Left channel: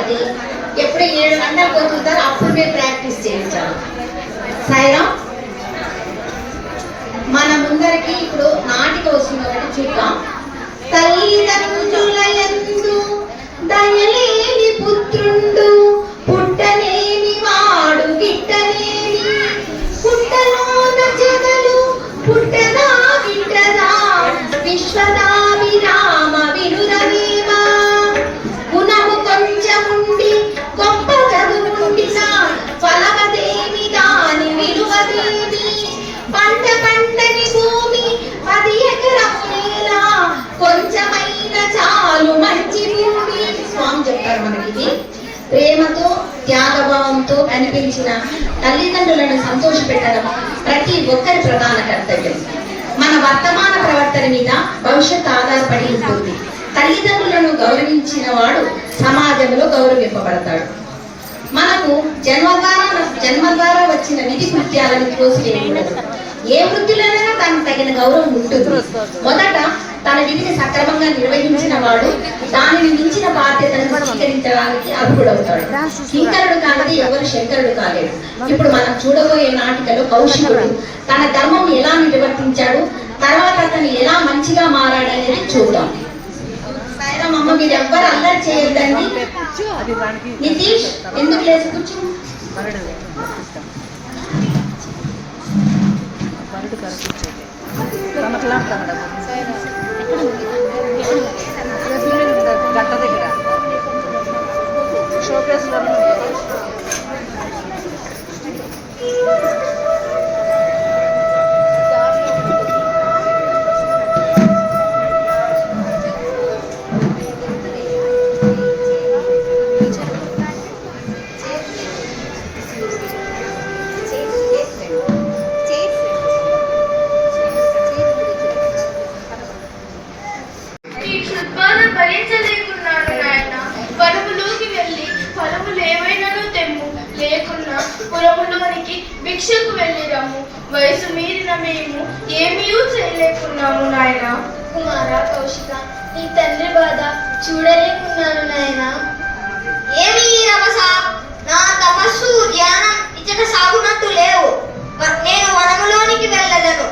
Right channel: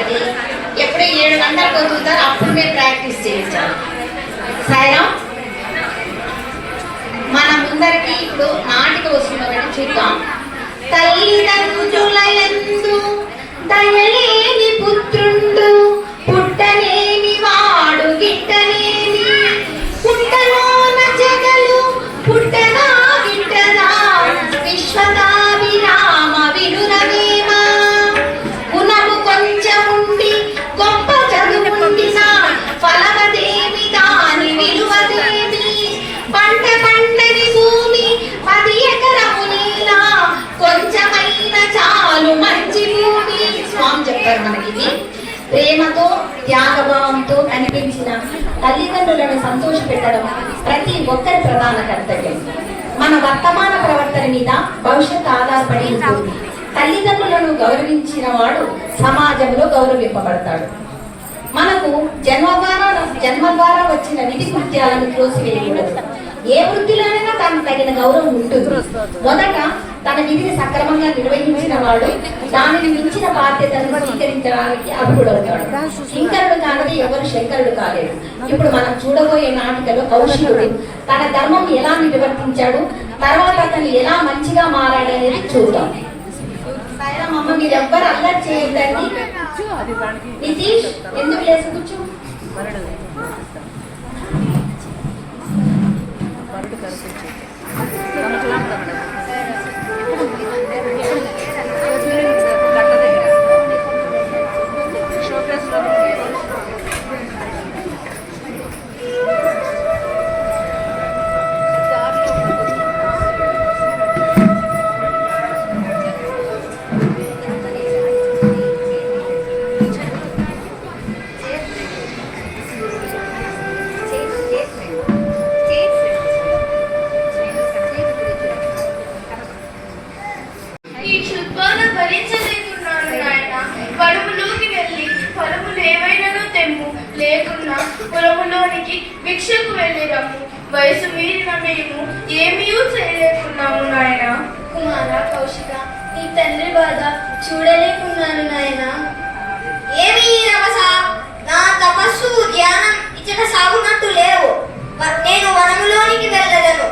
కాబట్టి ఎప్పుడు 7 గంటలు కొట్టుతారు, అప్పుడు మీరు ప్రాక్టీస్ చేయించాలి. సాయిరాం. మన ముందరికి ఇప్పుడు నాటిక వస్తుంది, ఒకటి చూద్దాం. తల్లిదండ్రులయందు దయలేని పుత్రుండు, పుట్టనేమి వాడు గిట్టనేమి, పుట్టలోన జగలు పుట్టనా గిట్టనా, విశ్వదా విరామ వినురవేమ, గుణము కొంచెముండి గొప్ప చదువుండినా, ఫలమదేమి దాని విలువదేమి, పంట పండని భూమి 10 ఎకరము నేల, కొంచెమైన చాలు మంచి భూమి. స్వామి చెప్తారు మనకి. ప్రేమతో త్యాగభావంతో కనిపించిన తల్లిదండ్రులను సంతోషపెట్టడం ప్రతి ఒక్కరి ప్రధాన కర్తవ్యం. మన వర్తమాన ప్రవర్తన మీద భవిష్యత్ ఆధారపడి ఉంటుంది. తల్లిదండ్రులను గౌరవించిన వాడు సమాజంలో గౌరవింపబడతాడు. మనకు జన్మ ద్వారా వచ్చిన విధి కృత్యాలను తోసివేయకూడదు. ఏ వృత్తిలోనైనా తనకు తగిన గౌరవం ఉంటుంది. మొదట తన విధిని సక్రమంగా నిర్వహించిన వాడు దానిని మించిన బాధ్యతను స్వీకరించడానికి అర్హుడవుతాడు. కింకరుడు కానిది ఎవరు శంకరుడు కాలేడు. ఇప్పుడు మనం చూడబోయే నాటికలో కౌశికుడు తన ధర్మం ఎలా నిర్వర్తించాడు, తర్వాత అతను ఎలా మంచిగా మారాడు అనేది చూద్దాం. సాయిరామమ్మ, మీరు ఎవ్వరు అల్లరి చేయొద్దండి. నితీష్, ఎందుకు లేచి కూర్చో. భిక్షకు వెళ్ళిరాము. వయసు మీరిన మేము ఏమీ చేయలేకున్నాము నాయన. కుమార కౌశిక, నీ తండ్రి బాధ చూడలేకున్నాను నాయన. ఏమి రమస, నా తపస్సు ధ్యానం ఇచ్చట సాగునట్టు లేవు. నేను వనములోనికి వెళ్ళదను.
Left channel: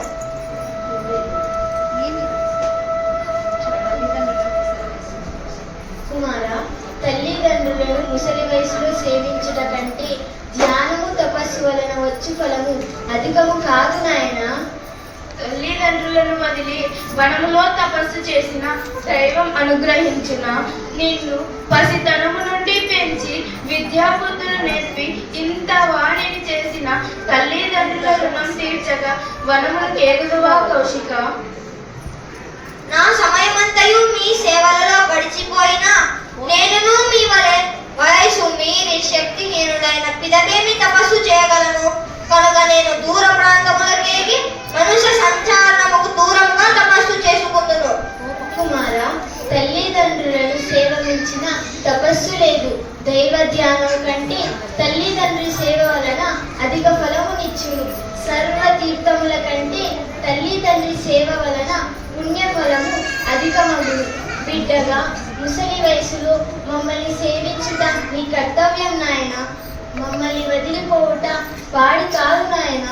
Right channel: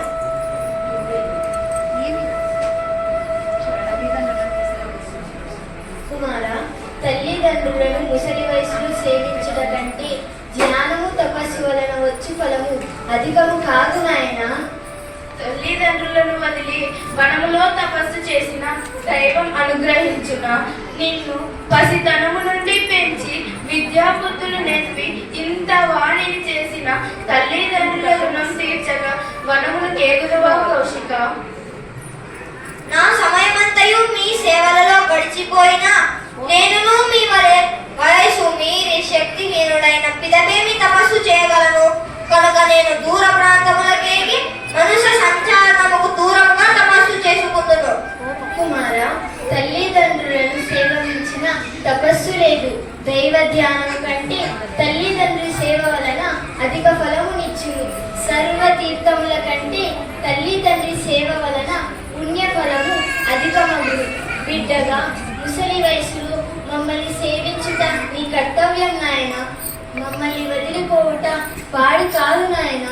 కుమార, తల్లిదండ్రులను ముసలి వయసులో సేవించుట కంటే ధ్యానము తపస్సు వలన వచ్చు ఫలము అధికము కాదు నాయన. తల్లిదండ్రులను వదిలి వనములో తపస్సు చేసిన దైవం అనుగ్రహించిన నిన్ను పసితనము నుండి పెంచి విద్యాబుద్ధులు నేర్పి ఇంత వాణిని చేసిన తల్లిదండ్రుల రుణం తీర్చగా వనములు కేగుదువా కౌశిక? నా సమయమంతయు మీ సేవలలో గడిచిపోయినా నేనును మీ వలె వయసు మీరి శక్తిహీనుడైన పిదకేమి తపస్సు చేయగలను. కనుక నేను దూర ప్రాంతములకేగి మనుష్య సంచారణముకు దూరంగా తపస్సు చేసుకుందును. కుమార, తల్లిదండ్రులను సేవించిన తపస్సు లేదు. దైవ ధ్యానం కంటే తల్లిదండ్రుల సేవ వలన అధిక ఫలమునిచ్చును. సర్వ తీర్థముల కంటే తల్లిదండ్రి సేవ వలన పుణ్య ఫలము అధికమగును. బిడ్డగా ముసలి వయసులో మమ్మల్ని సేవించుట నీ కర్తవ్యం నాయన. మమ్మల్ని వదిలిపోవుట పాడి కాదు నాయన.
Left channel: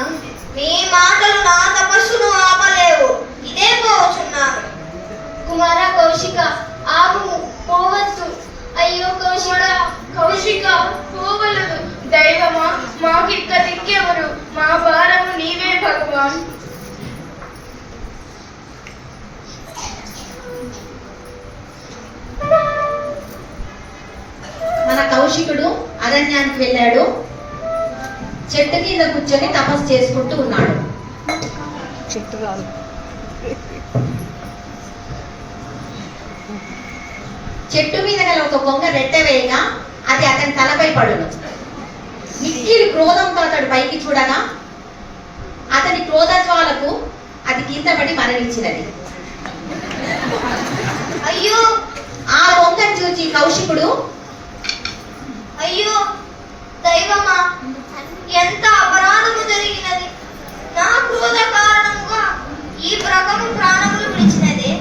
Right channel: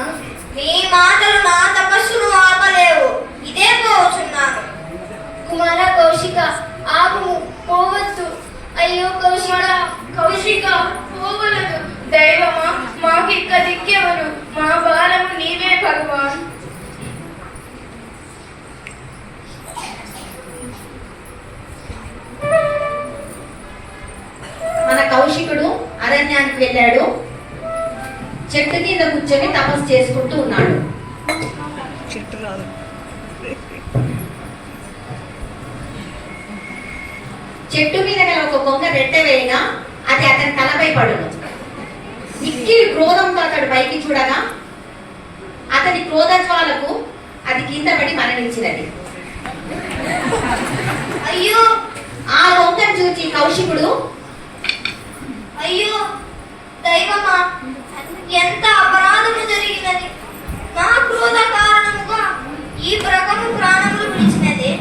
మీ మాటలు నా తపస్సును ఆపలేవు. ఇదే పోవచ్చున్నాను. కుమార కౌశిక, ఆగు, పోవద్దు. అయ్యో కౌశిక, కౌశిక పోవలదు. దైవమా, మాకిక్క దిక్కెవరు? మా భారము నీవే భగవాన్. మన కౌశికుడు అరణ్యానికి వెళ్ళాడు. చెట్టు కింద కూర్చొని తపస్సు చేసుకుంటూ ఉన్నాడు. చెట్టు మీద గల ఒక కొంగ రెట్టె వేయగా అది అతని తలపై పడును. మిక్కిలి క్రోధంతో అతడు పైకి చూడగా అతని క్రోధ జ్వాలకు అది కింద పడి మరణించినది. అయ్యో! ఆ కొంగను చూచి కౌశికుడు, అయ్యో దైవమా, ఎంత అపరాధము జరిగినది. నా క్రోధ కారణముగా ఈ ప్రకము ప్రాణములు విడిచినది.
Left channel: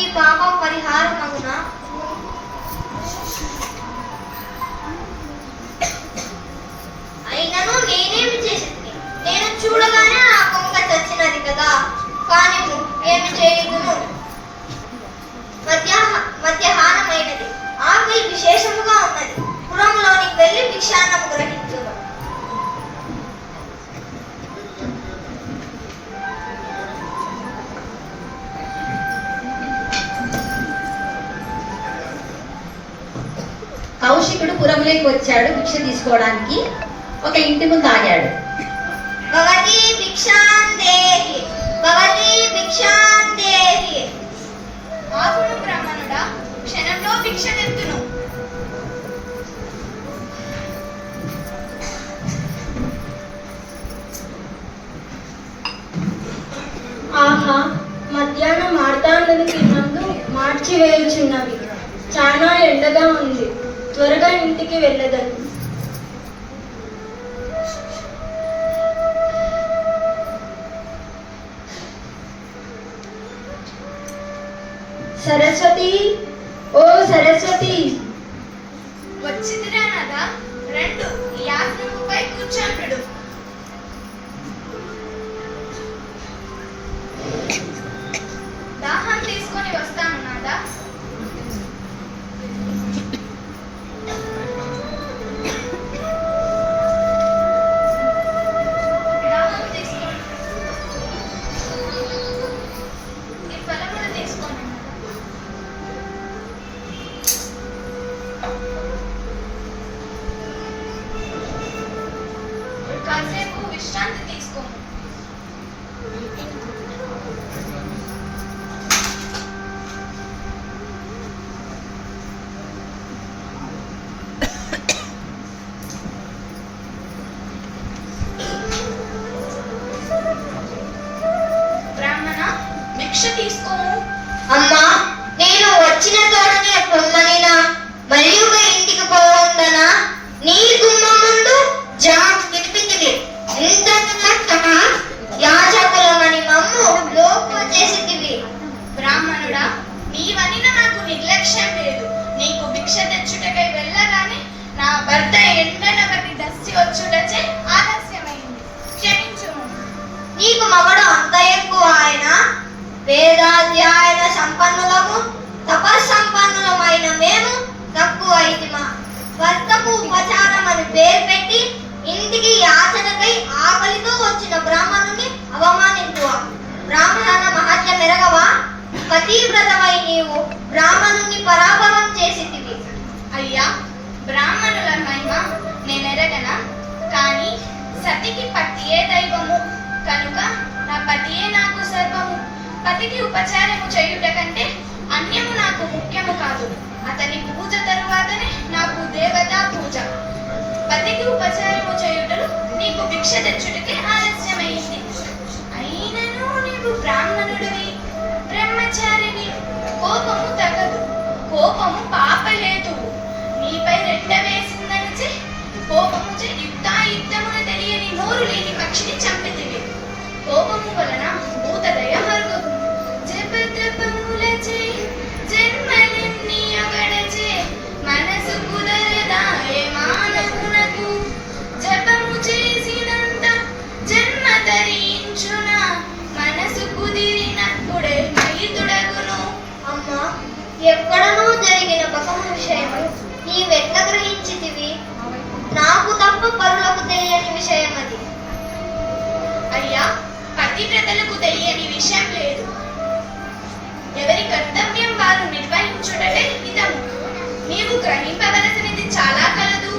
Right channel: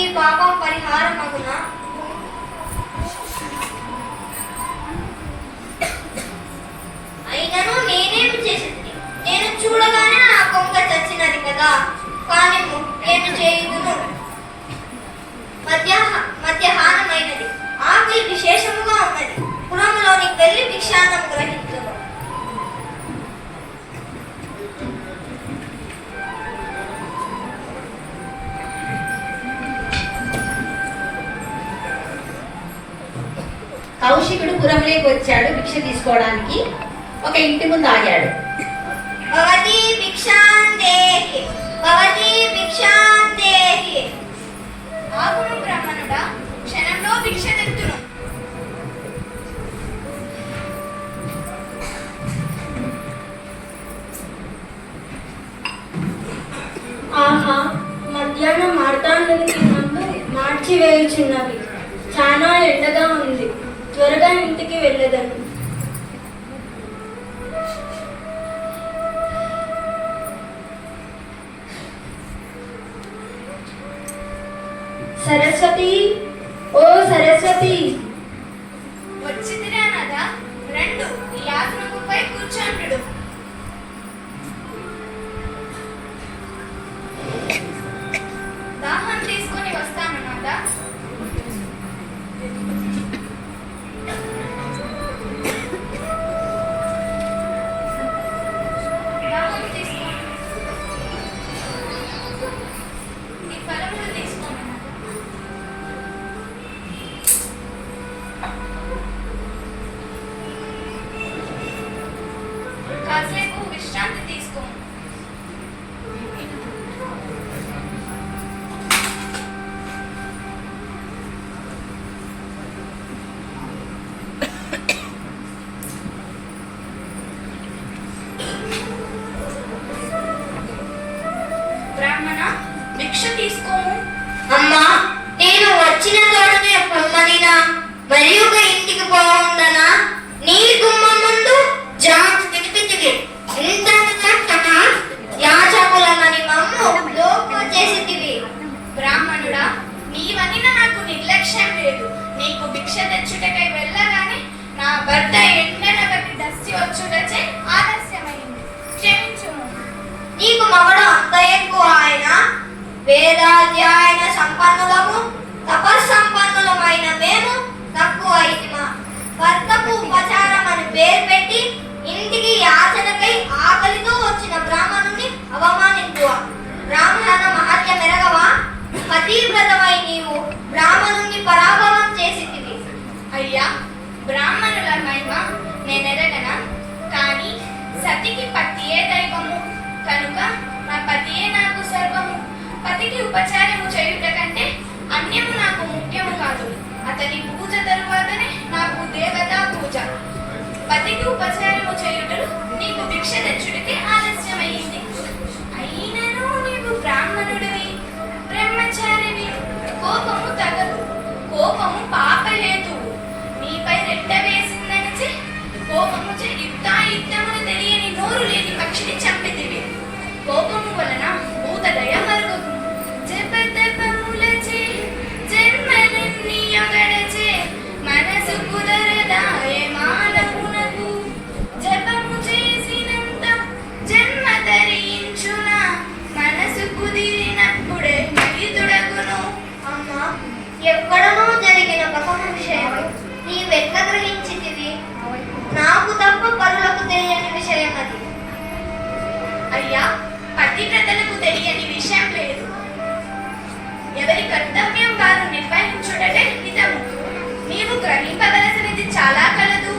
ఈ పాప పరిహారమగునా? కౌశికుడు పురంలోకి వచ్చాడు భిక్ష తీసుకోవడానికి. ఒక ఇంటి ముందు ఆగాడు. భవతి భిక్షాందేహి, భవతి భిక్షాందేహి. ఆగును బ్రాహ్మణుడా, క్షణంలో భిక్ష తెత్తును. ఆహా, మధ్యాహ్నం మార్తాండుని తిన్నట్లు మార్చివేయుచున్నవి. చాలా ఎండగా ఉంది, త్వరగా ఇంటికి వెళ్ళదను. సరస్వతి, ఓ సరస్వతి. వచ్చిదిరా నదా, రెండు ఈ ఆసనముపై కూర్చోండు. దాహం తీసుకొని వస్తాను నాదా. దాహం తీసుకో. ఈ ఫలములు తీసుకోండి నాదా. కాసేపు విశ్రాంతి తీసుకో. బ్రాహ్మణ, భిక్ష తీసుకోము. అమ్మా, నేను వచ్చిన తోటనే పొందనినా మరి ఒక ఇంటికి పోవుందనా నీ గుమ్మం ముందు జాబ్ తిప్పితివి. ఇంత యాచకులమని మమ్ము లోపు చేసితివి. బ్రాహ్మణుడా, నీవనిన నాకు నిర్లక్ష్యం లేదు. నీకు భిక్ష తెచ్చుటకై వెళ్ళగానే నా భర్త ఎండన బట్టి దస్సి వచ్చుటచే ఆలస్యమైంది. క్షమించుము. నీకు మగడు అంత ఎక్కువ ఆయన. వేదాధ్యాయన సంపన్నులము, తపస్సంపన్నులమైన మేము తక్కువ అయితిమా. భర్తకు ఉపచారం అని పేరు పెట్టి ఇంటికి యాచనకై ఆకలితో వచ్చిన బ్రాహ్మణుని అవమానించువా. బ్రాహ్మణ మహత్య మెరగవా? పతివ్రతమై నీవు బ్రాహ్మణుని పరాభవం చేసితివి. అయ్యా, బ్రాహ్మణుల మహిమ నేనెరగనా? కానీ సతికి పతియే దైవము కనుక నా పతియే నాకు సర్వము. పతికి ఉపచారము చేయుట కంటే అన్యము నాకు ముఖ్యము కాదు. అతని పూజ తరువాతనే నాకు దేవతా పూజ. పతికి ఉపచారము చేయుటలు నీకు భిక్ష తెచ్చుడికి ఆలస్యమైంది. అయినను నీవు బ్రాహ్మణుడివి, బ్రహ్మచారివి. కోపము తగదు, కోపము పాపలేదు. నీపై రెట్ట వేసిందనిచి కోపము యుద్ధమును తెలియని నోరు లేని పక్షిని చంపితివి. కోపము వలన భూతదయ మరుగును. జపతపములచే జన్మలెన్ని యొగడచే మనసు కుదరదాయే మానవునకు. జపము చేసినంత జన్మ ధరించున మనసు కుదిరినప్పుడే మలితుడగును. అమ్మా, ఎక్కడనో జరిగిన పకమ విషయము నీవెట్ల గ్రహించితివి? నాకు తప్ప పరులకు తెలియని విషయం అది. అయ్యా, పతివ్రతలకు తెలియని విషయం లేదు. ఎవరి కర్తవ్యం వారు నిర్వహించుటలే హితము. నీవు గ్రహింపవలసినది చాలా కలదు.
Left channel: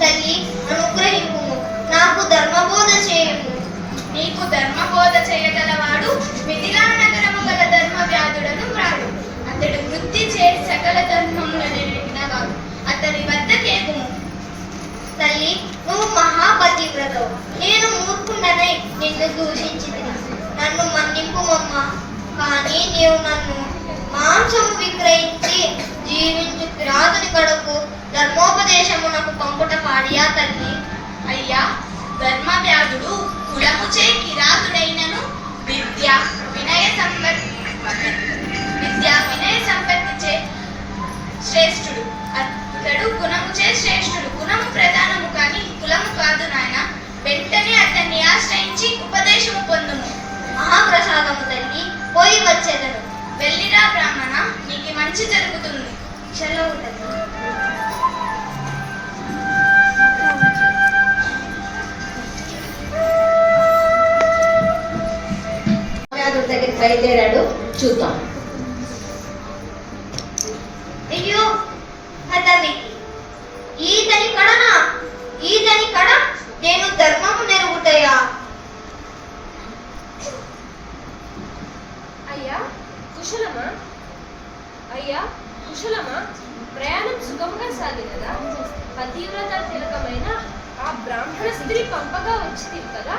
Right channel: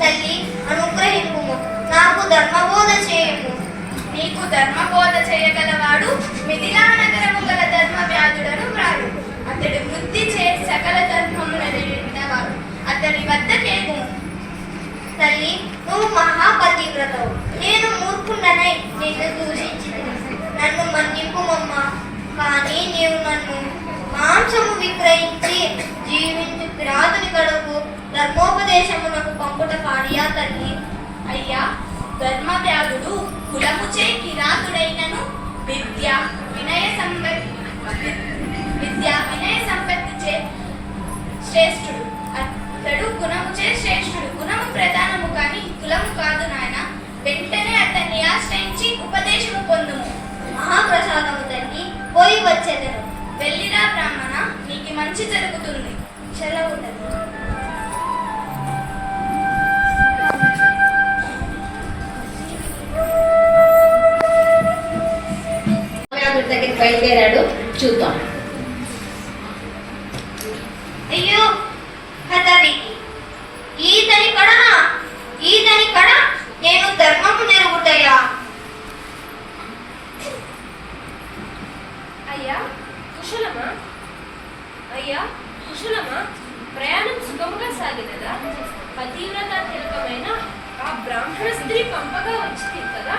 తల్లి, అనుగ్రహింపుము, నాకు ధర్మబోధ చేయము. నీకు ధర్మబోధ చేయగలవాడు మిథిలా నగరము గల ధర్మ వ్యాధుడను రాడు. అతడు వృత్తి చే సకల ధర్మములను నిలిపినవాడు. అతడి వద్దకేగుము. తల్లి, నువ్వు మహాపతివ్రతవు. నేను మూర్ఖుండనై నిన్ను దూషించింది. నన్ను మన్నింపుమమ్మా. కానీ నీవు నన్ను మాంసము విక్రయించి జీవించు కిరాతుని కడకు ధర్మోపదేశమునకు పంపుట పాడియా తల్లి? అయ్యా, ధర్మ వ్యాధుడు కులముచే కిరాతుడైనను విద్య వినయ సంపత్తిచే శ్రేష్ఠుడు. అతడు గుణముచే శ్రేష్ఠుడు. గుణము ప్రధానము కానీ కులము కాదు నాయన. వెంటనే అతన్ని ఆశ్రయించి ఉపదేశము పొందుము. మహాప్రసాదము తల్లి, పోయి వచ్చేదను. వెళ్ళిరా బ్రాహ్మణ, నీకు మంచి జరుగుతుంది. సెలవు తల్లి. దగ్గరికి బయలుదేరాడు. చూద్దాం. అయ్యో హతవి, ప్రయాణం సుఖంగా సాగినదా? పతివ్రత తిలకమైన ఆ బ్రాహ్మణ స్త్రీ పంపగా వచ్చింది కదా.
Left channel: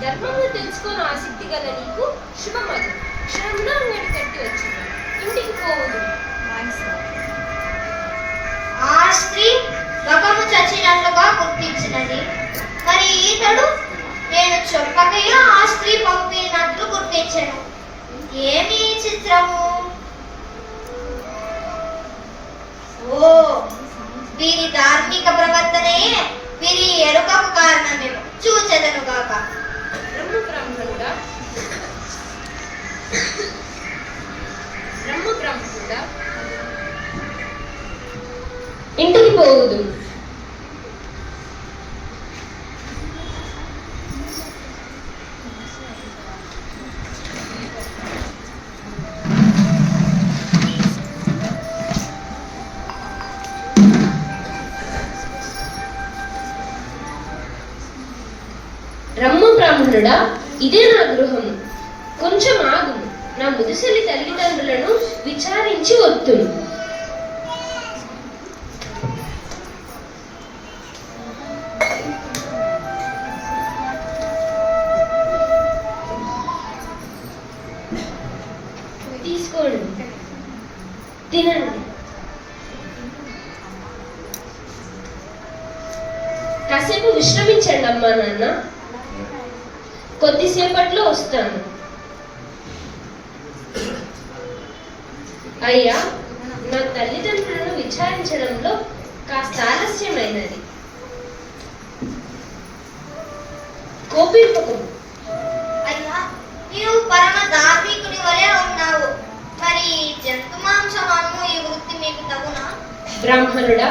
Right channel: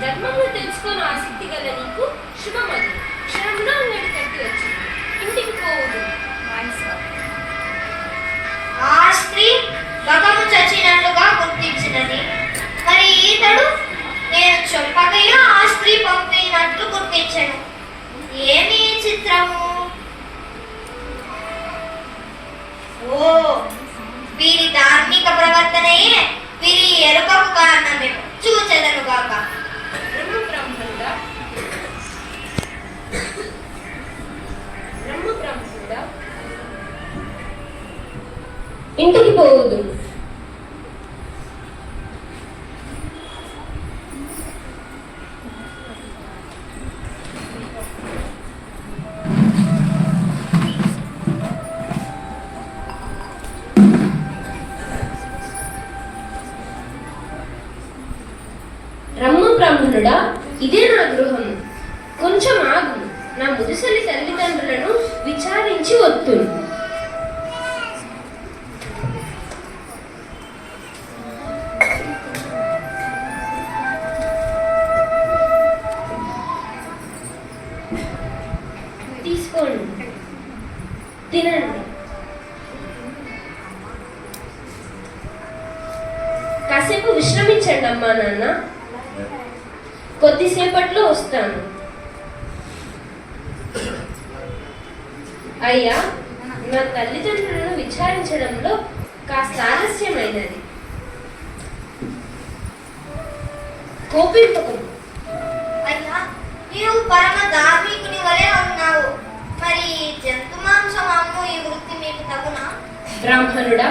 ధర్మము తెలుసుకొని ఆసక్తి గల నీకు శుభమగు. క్షణంలో అంగడి కట్టి వచ్చింది, ఇంటికి పోవదు. ఆ స్త్రీ మగము చచ్చినట్లుగా గుర్తించినది. మరి ఈతడు నేను చెప్పకయా ఆ స్త్రీ పంపినట్లు గుర్తించను. ఏమి చిత్రము! ఓ, వీరి ధార్మిక ప్రవర్తనయే వీరి ఎరుకకు కారణమేమో చూచెదనుగాక. బ్రహ్మబ్రాహ్మణుడా, ఇంటికి పోవుదు. రమ్ము బ్రాహ్మణుడా, ఇదే నా గృహము. కొంచెం ఆగుము, నా ముదుసలి తల్లిదండ్రులను విచారించి వత్తును. తీసుకోండి, తినండి. కాసేపు విశ్రమించండి అమ్మా నాన్న, కొద్దిసేపట్లో వస్తాను. అయ్యా, నా తల్లిదండ్రులను విచారించడంలో కాస్త ఆలస్యమైనది. కోపింపకు. అయ్యా, నీవు పరమ ధార్మికుని వలె ఉన్నావు. మరి జంతు మాంసం అమ్ము ఈ వృత్తి మీకు తగునా? బ్రాహ్మణుడా,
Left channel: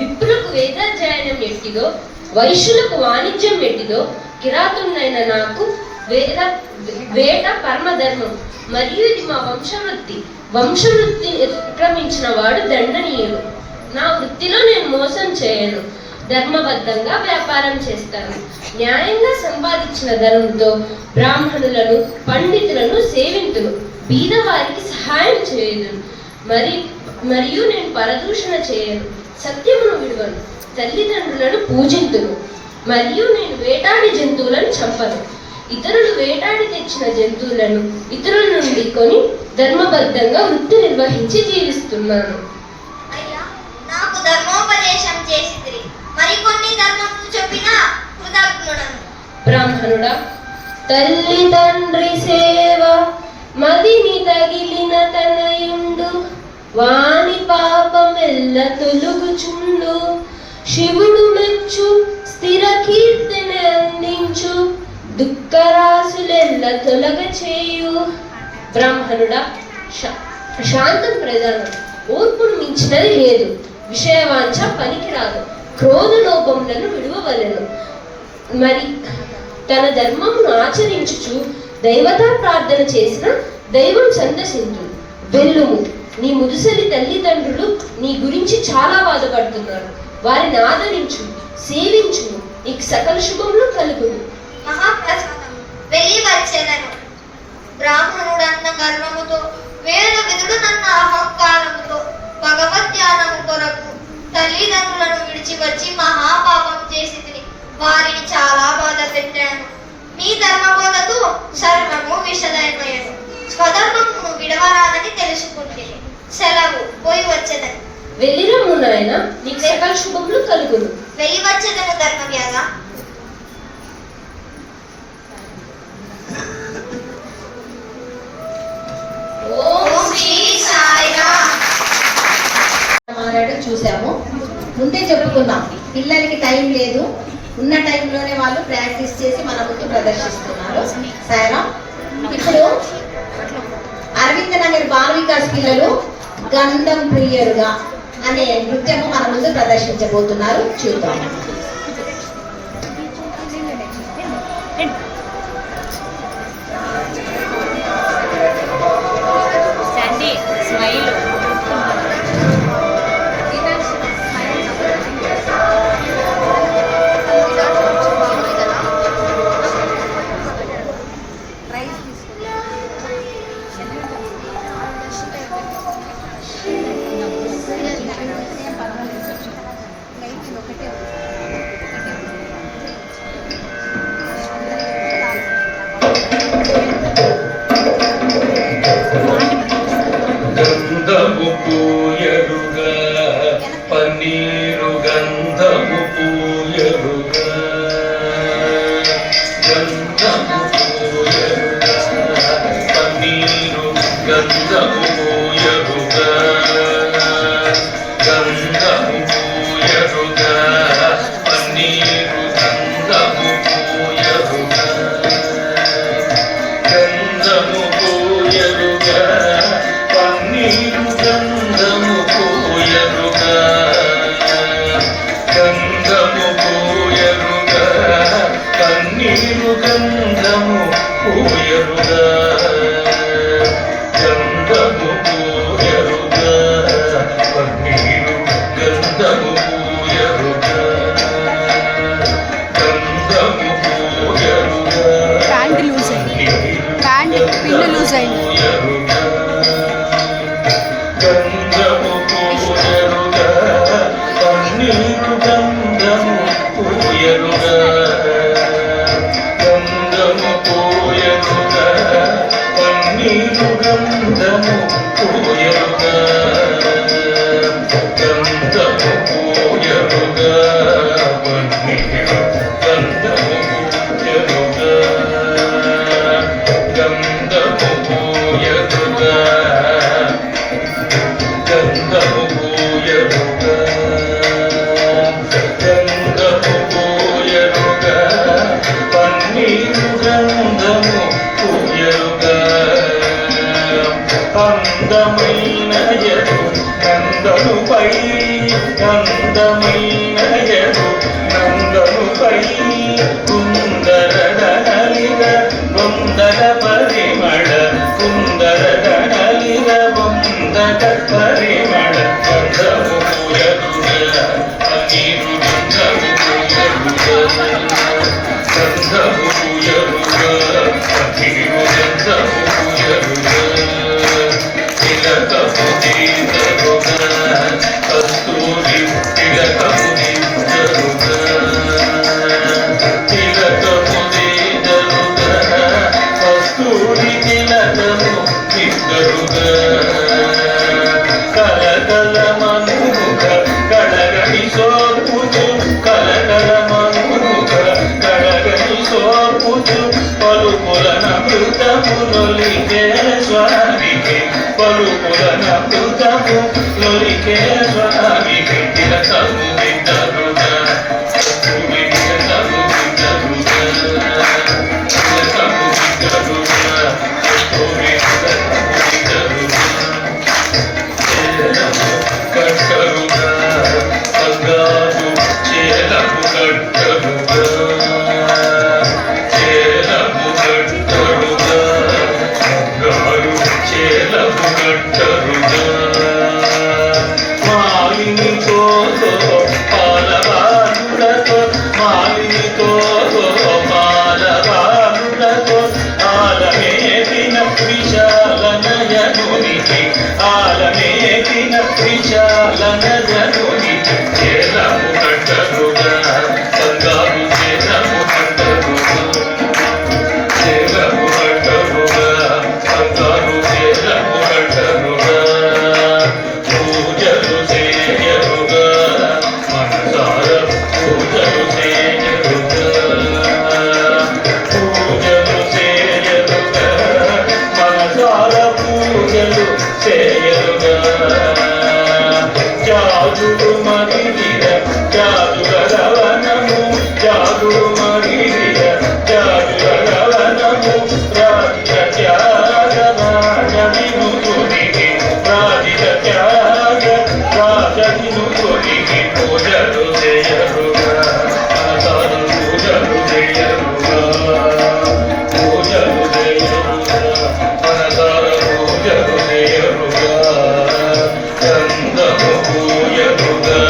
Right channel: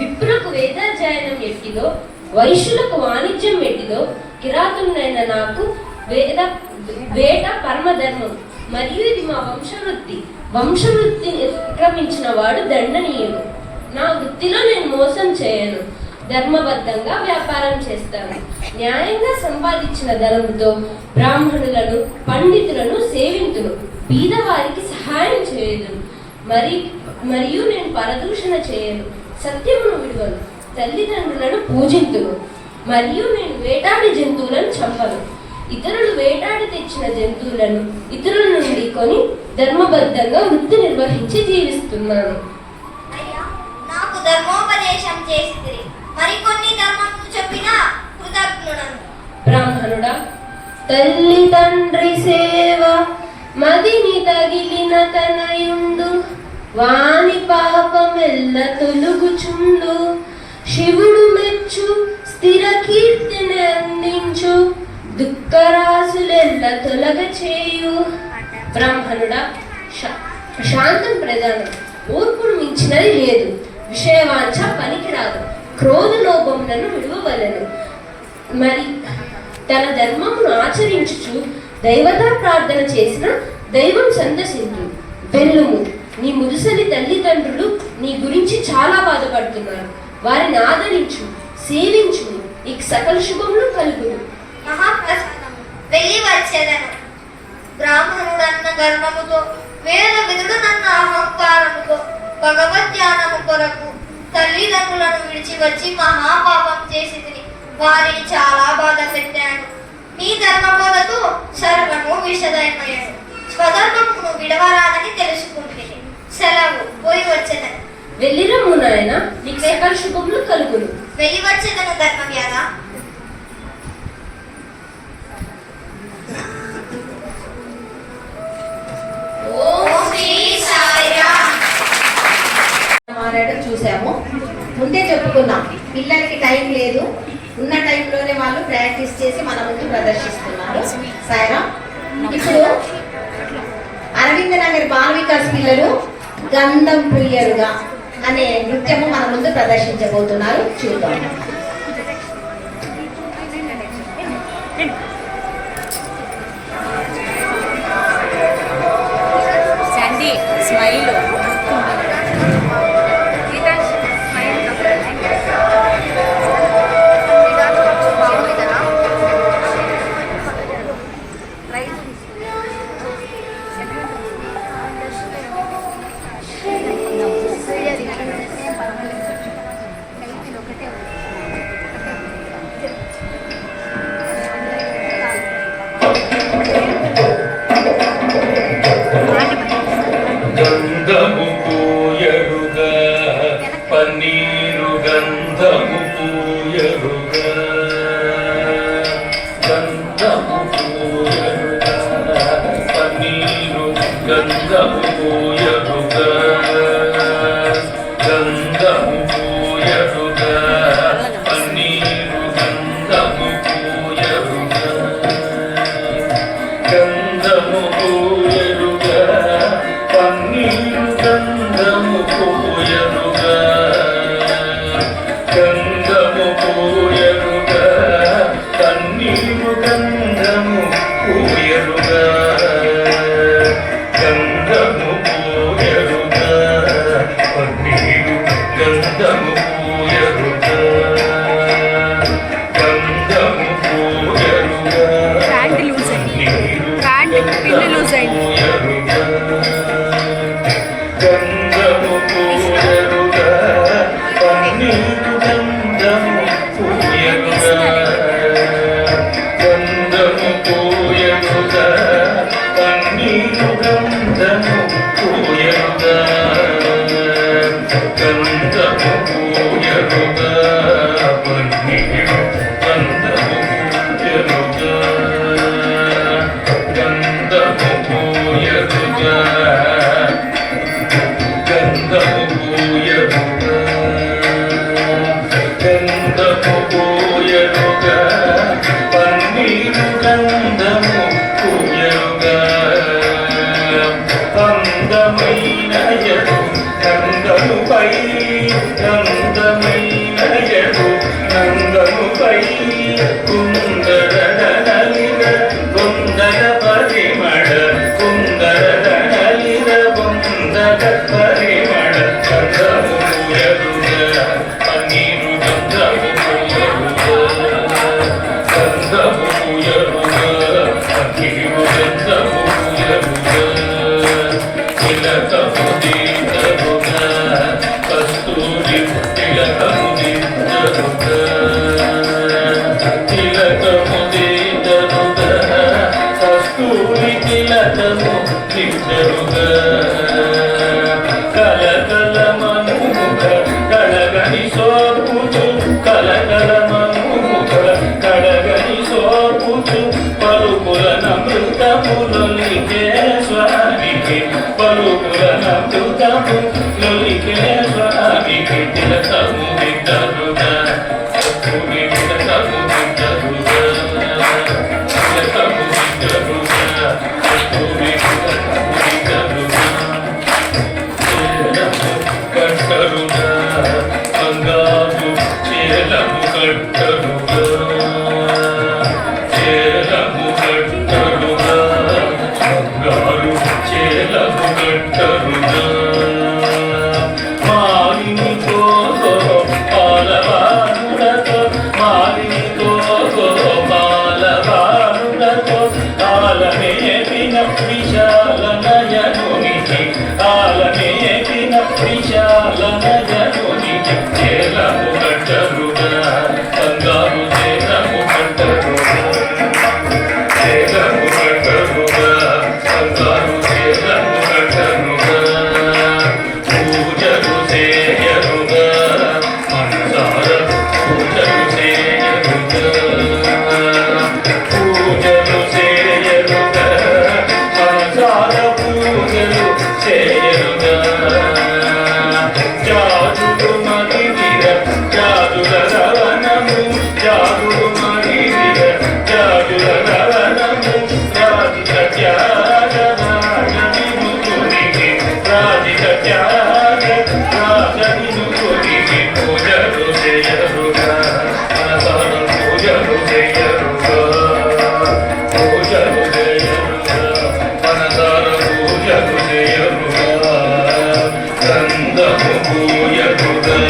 విప్రులకు వేదాధ్యయనం ఎట్టిదో, వైశ్యులకు వాణిజ్యం ఎట్టిదో, కిరాతునైన నాకు వేట పరమధర్మం. మరియు ఇది మా వంశవృత్తి. వంశవృత్తి అతిక్రమించిన వాడు దండనీయుడు. నా వృత్తిలో నేను మోసం చేయను. ధర్మబద్ధంగా వ్యాపారం చేస్తాను. న్యాయంగా సంపాదించిన ధనంతో బ్రాహ్మణులను పండితులను సేవింతును. బీదవారికి సహాయం చేయదును. మరియు నేను పరదూషణ చేయను. సత్యమును విడువను. తల్లిదండ్రులను పూజింతును. మరియు నేను వేటాడి జంతువులను చంపను. ఇతరులు వేటాడి తెచ్చిన జంతువులను ఇతరుల నుండి కొని ధర్మబద్ధంగా వృత్తి నిర్వహించి జీవిస్తున్నాను. అయ్యా, నాకు ధర్మోపదేశం చేసితిరి. మరికొన్ని ధర్మములు చెప్పినా కృతజ్ఞుడను. బ్రాహ్మణుడా, తల్లి తండ్రి సేవ మదిని తగిలిన తనయుండు, వాని పాపమెల్ల తొలుగుచుండు. శివుడు మెచ్చు స్థిర కీర్తిని అందించు, దుఃఖరాశులెల్ల తొలగ చేయు. బ్రాహ్మణుడా, శాంతం ప్రధానం. ఓర్పును మించినది లేదు. విషయవాంఛ పనికిరాదు. క్రోధ లోభములను విడువవలెను. మరి తన ధర్మమును ఆచరించుచు దైవతా ప్రార్థన చేసిన దైవం సందర్శించు. వెల్లుము, నీ ముదుసలి తల్లిదండ్రులు నీ గురించి చాలా బాధపడుతున్నారు. వారిని ఆదరించు, సేవించు. నీకు సకల శుభములు కలుగును. మహాప్రసాదము, వెళ్ళి వచ్చేదను. బ్రాహ్మణుడన్న గర్వముతో, వేద విధుడునన్న అహంకారముతో భగవద్ ధ్యానము కొరకు తల్లిదండ్రులను విడిచి వచ్చి మహాపాపం చేసి వారిని చాలా బాధ పెట్టాను. నీ ధర్మబోధతో సర్వము విషదైపోయాను. స్వధర్మమును విడవరాలని తెలుసుకుంటే సెలవు, పోయి వచ్చేదను. వెళ్ళిరమ్ము నాయన, నీకు సకల శుభములు కలుగును. వెళ్ళి వచ్చేదను ధర్మవ్యాధ. చూసాము, ముందే చెప్పుకున్నాం. పిల్లలకి టైం లేదు, ఉన్న టైంలోనే వాళ్ళు ప్రాక్టీస్ చేసి మన ముందు ప్రదర్శిస్తున్నారు. సైరా, ఇప్పుడు అరవింద నగర్ బాల వికాస్ పిల్లలు గంధం ప్రియుడుగా అనే నృత్యము మన ముందు ప్రదర్శించబోతున్నారు. చూద్దాం. పూయరుగా గంధము పూయరుగా కన్నీరు గంధము పూయరుగా గంధము పూయరుగా కన్నీరు గంధము పూయరుగా గంధము పూయరుగా ప్యాంట్ లూజ్ అయింది ప్యాంట్ పిన్ లూజ్ అయింది గంధము పూయరుగా కన్నీరు గంధము పూయరుగా గంధము పూయరుగా కన్నీరు గంధము పూయరుగా గంధము పూయరుగా కన్నీరు గంధము పూయరుగా గంధము పూయరుగా గంధము పూయరుగా గంధము పూయరుగా పన్నీరు గంధము పూయరుగా అందమైన యదు నందనుపై అందమైన యదు నందనుపై కుందర నలిర కుందర పరిమళ కుందర నలిర కుందర పరిమళ గంధము పూయరుగా పన్నీరు గంధము పూయరుగా గంధము పూయరుగా పన్నీరు గంధము పూయరుగా తిలకము దిద్దరుగా కస్తూరి తిలకము దిద్దరుగా తిలకము దిద్దరుగా కస్తూరి తిలకము దిద్దరుగా కలకల మనుముఖ కళగని సోపుచు కలకల మనుముఖ కళగని సోపుచు పలుపుల నమృతములొలికే స్వామికి పలుపుల నమృతము లొలికే స్వామికి తిలకము దిద్దరుగా కస్తూరి తిలకము దిద్దరుగా తిలకము దిద్దరుగా కస్తూరి తిలకము దిద్దరుగా కట్టరుగా బంగారు చేలము కట్టరుగా చేలము కట్టరుగా బంగారు చేలము కట్టరుగా మాలినితో పాలవారుడతో మాలినితో పాలవారుడతో ఆలమేటిన విశాల నయనునికి ఆలమేటిన విశాల నయనునికి చేలము కట్టరుగా బంగారు చేలము కట్టరుగా చేలము కట్టరుగా బంగారు చేలము కట్టరుగా పూజలు చేయరుగా మనసార పూజలు చేయరుగా పూజలు చేయరుగా మనసార పూజలు చేయరుగా జాదుడు మరిగిర జాదుల రవణము జాదుడు మరిగిర జాదుల రవణము రాజిత త్యాగ రాజవినుకునికి రాజిత త్యాగ రాజవినుకునికి పూజలు చేయరుగా మనసార పూజలు చేయరుగా పూజలు చేయరుగా మనసార పూజలు చేయరుగా గంధము పూయరుగా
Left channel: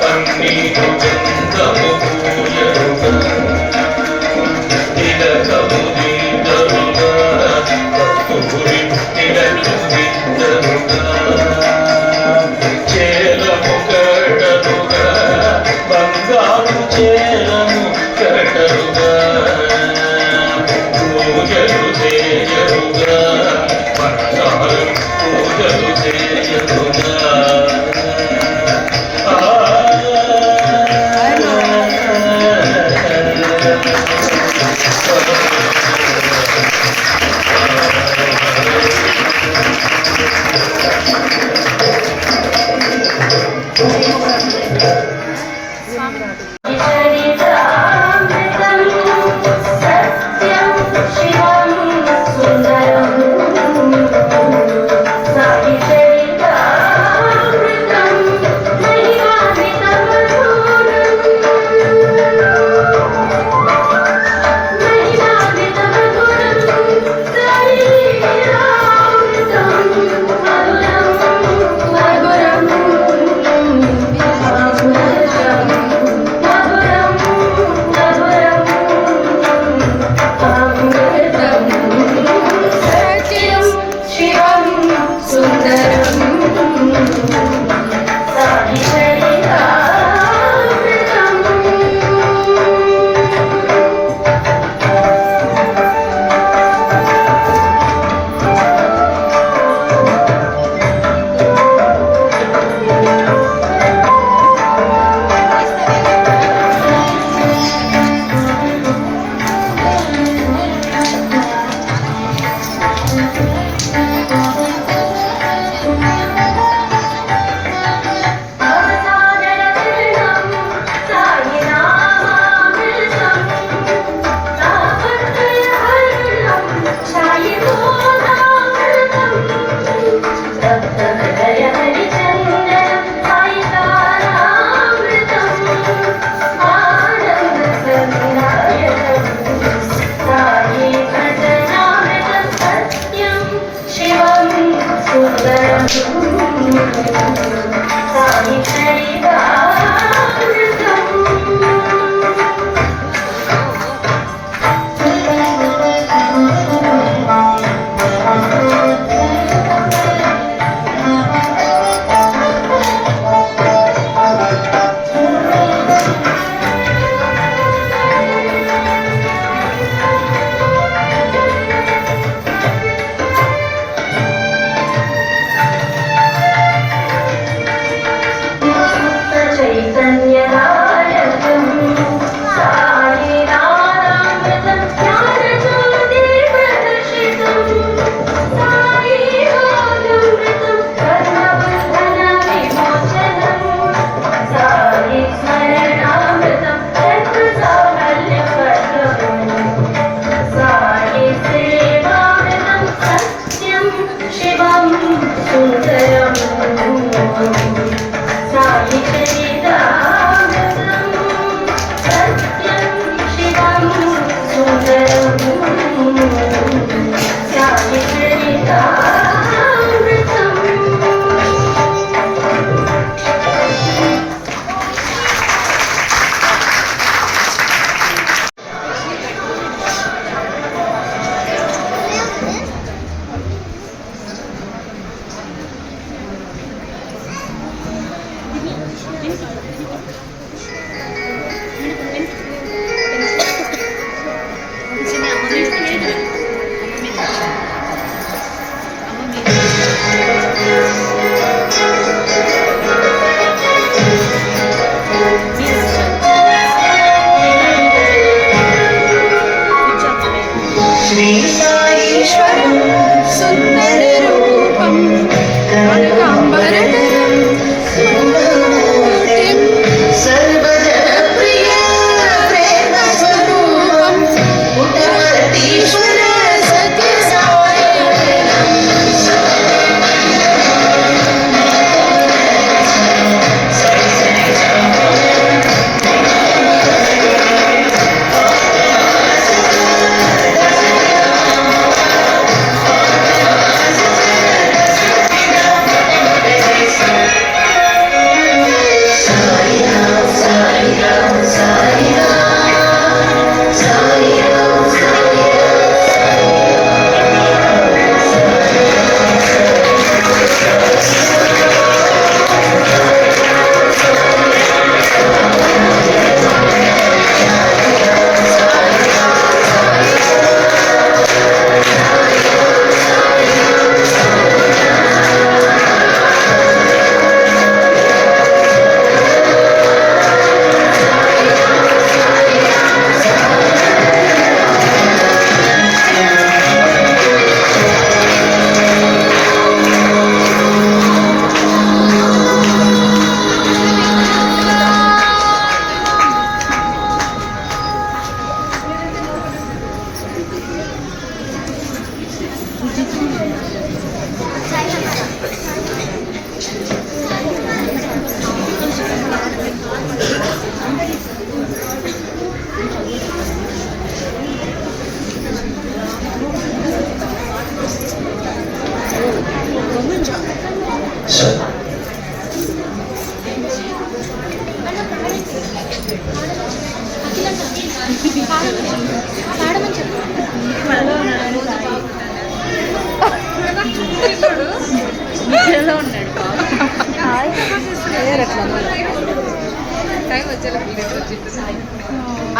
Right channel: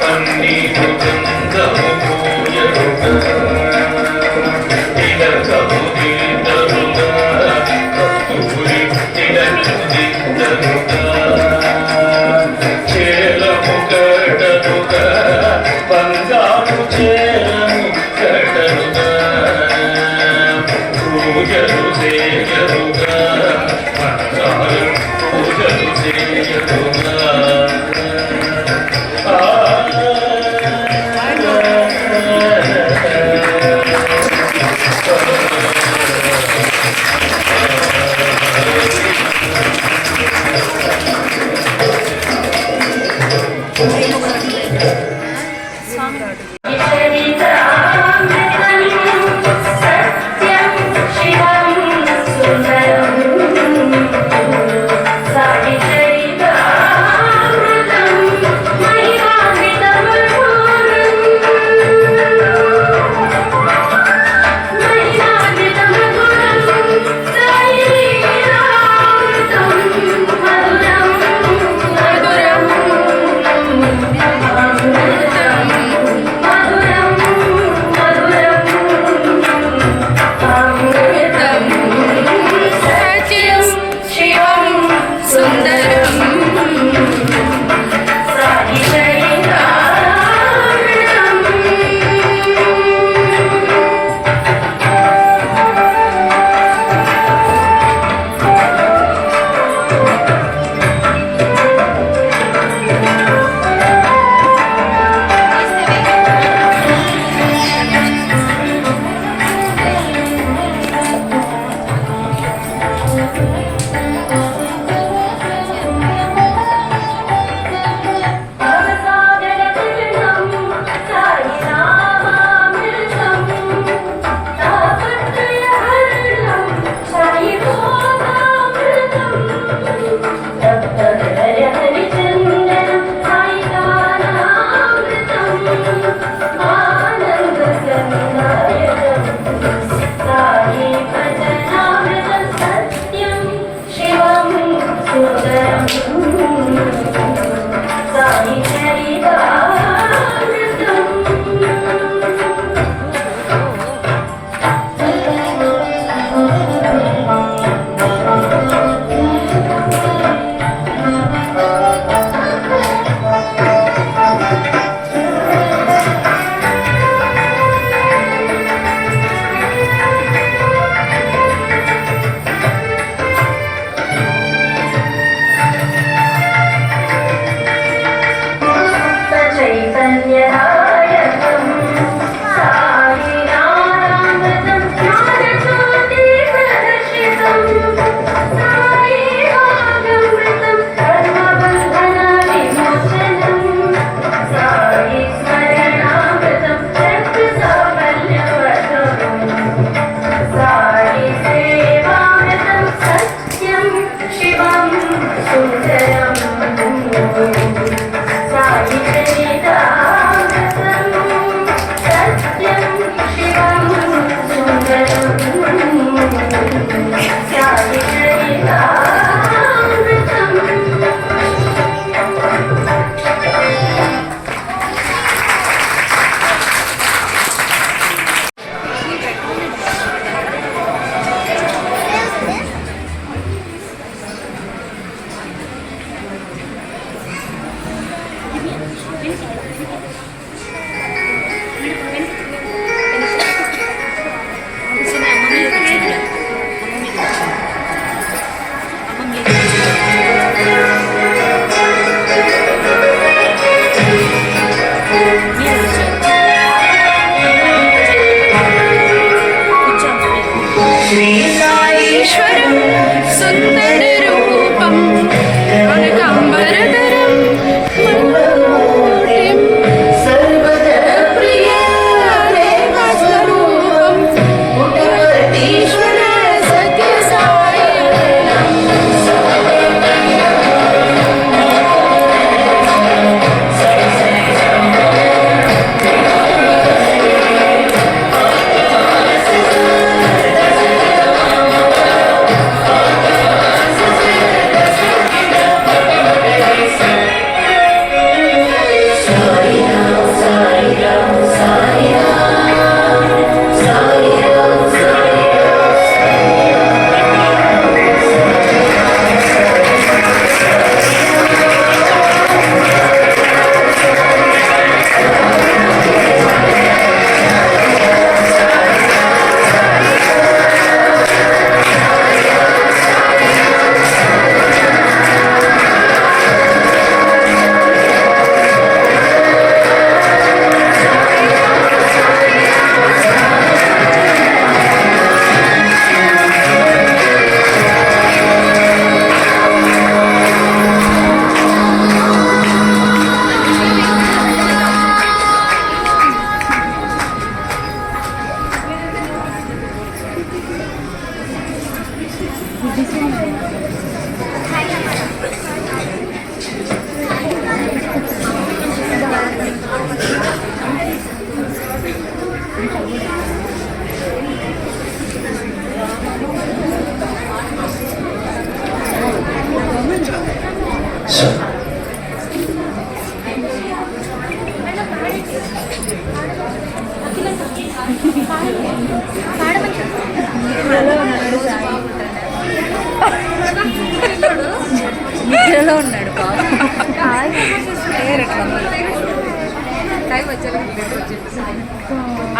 పన్నీరు గంధము పూయరుగా తిలకము దిద్దరుగా కస్తూరి తిలకము దిద్దరుగా చేలము కట్టరుగా బంగారు చేలము కట్టరుగా పూజలు చేయరుగా మనసారు పూజలు చేయరుగా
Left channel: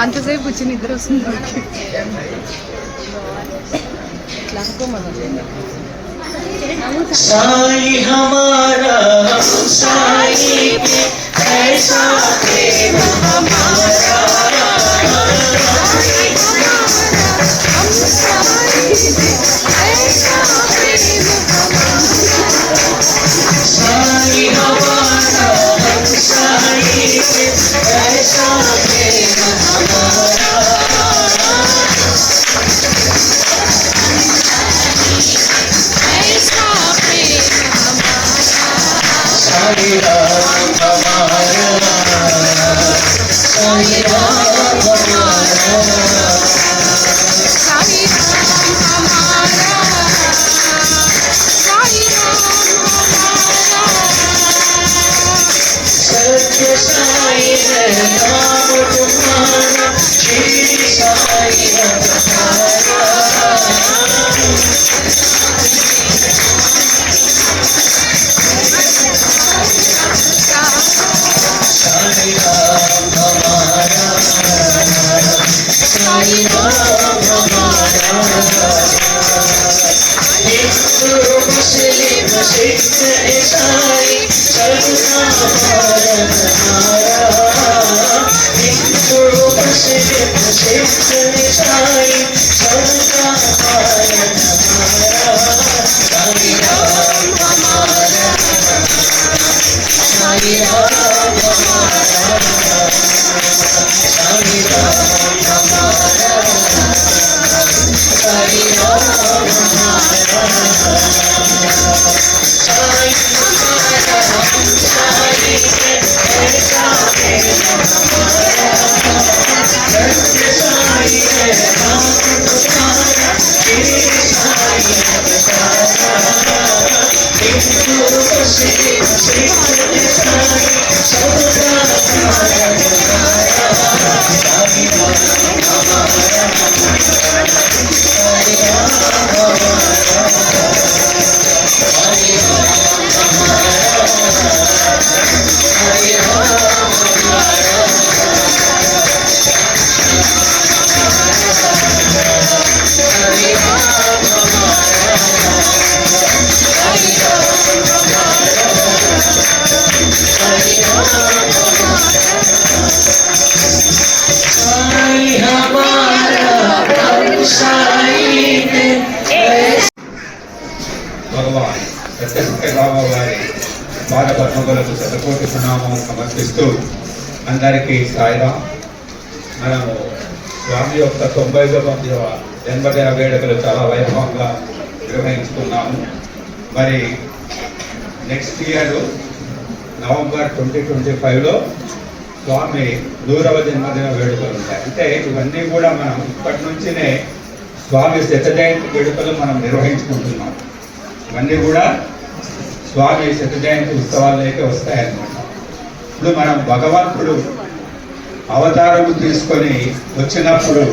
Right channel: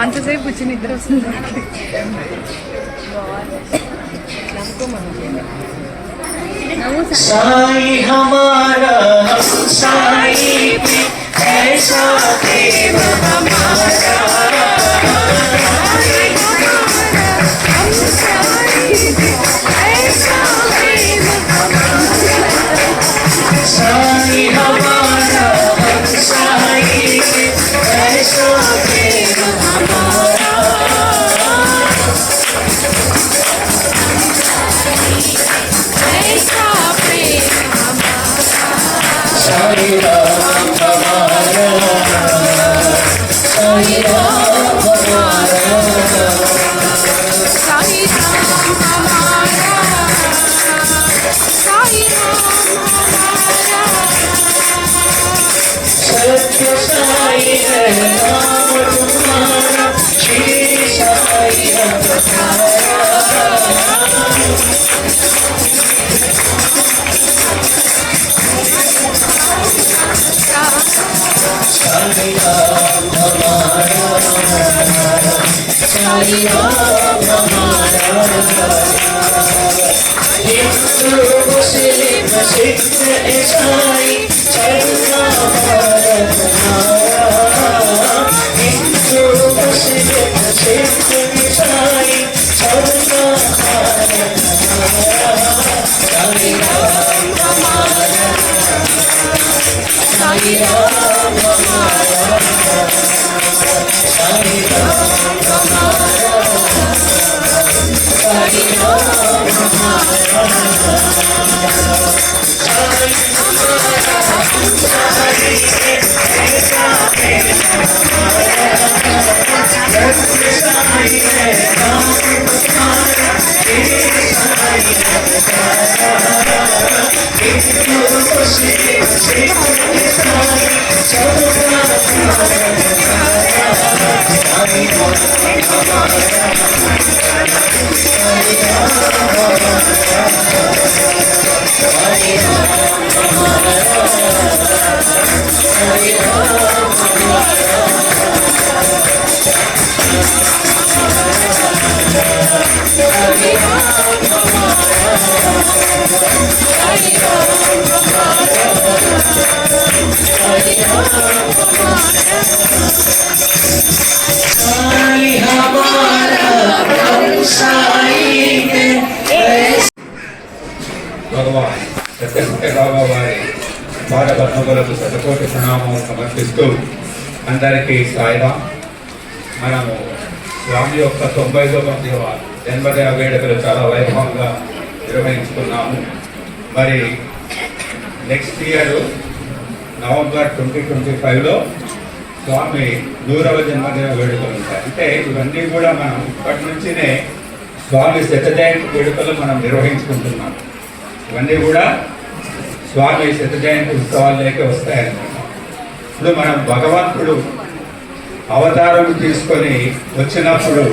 అంతసేపు వచ్చి నిద్ర వస్తుంది. साई हमारा हम साई पे ऐसा प्रेम हमारा, साई हमारा हम साई पे ऐसा प्रेम हमारा, साई राम हमारा, साई राम हमारा, सत्य साई है नाम तुम्हारा, श्री साई हमारा, साई राम हमारा, साई राम हमारा, हिंदू मुस्लिम सिख ईसाई सर्व भारत हमारा, हिंदू मुस्लिम सिख ईसाई सर्व भारत हमारा, साई राम हमारा, साई राम हमारा, साई राम हमारा, साई राम हमारा, साई हमारा हम साई ऐसा प्रेम हमारा, सत्य साई है नाम तुम्हारा, श्री साई हमारा, हिंदू मुस्लिम सिख ईसाई सर्व भारत हमारा, साई राम हमारा, साई राम हमारा, साई राम हमारा, साई राम हमारा, साई राम हमारा, साई राम हमारा, साई राम हमारा, साई हमारा हम साई पे భగవాన్ సత్యసత్య బాబా వారి పాద పద్మములకు శతకోటి ప్రణామం సమర్పిస్తూ అందరికీ సాయిరాం. మనము స్వామి యొక్క 99వ జన్మదిన వేడుకలు చాలా వైభవంగా నిర్వహించుకున్నాము. మరి నెక్స్ట్ ఇయర్ నవంబర్ 2025లో స్వామి 100వ జన్మదిన వేడుకలు ఉంటాయి. అంటే ఇవన్నీ కూడా మనం ఇప్పటి నుంచినే స్వామి శత జయంతి వేడుకలు మనం నిర్వహించుకుంటున్నాం. ఇవన్నీ కూడా స్వామి శత జయంతి ఉత్సవాలకే వస్తాయన్నమాట. ఇప్పుడు మనం భగవంతుడు అవతారం తీసుకొని వచ్చినప్పుడు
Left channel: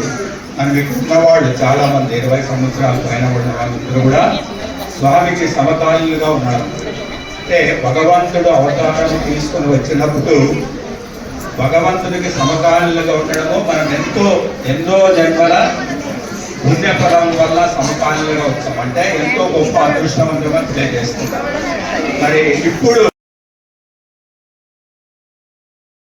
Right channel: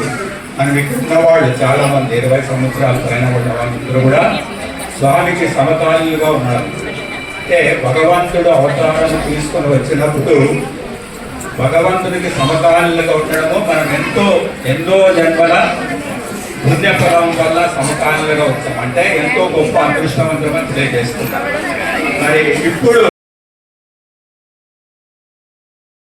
మనం ఇక్కడ ఉన్నవాళ్ళు చాలా మంది 20 సంవత్సరాల పైన ఉన్న వాళ్ళందరూ కూడా స్వామికి సమకాలీనులుగా ఉన్నారు. అంటే భగవంతుడు అవతారం తీసుకొని వచ్చినప్పుడు భగవంతుడికి సమకాలీనులుగా ఉండడము మనం ఎన్నో జన్మల పుణ్యఫలం వల్ల సమకాలీనులుగా వచ్చాం. అంటే ఎంతో గొప్ప అదృష్టవంతంగా తెలియజేస్తున్నాం. మరి ఇప్పుడు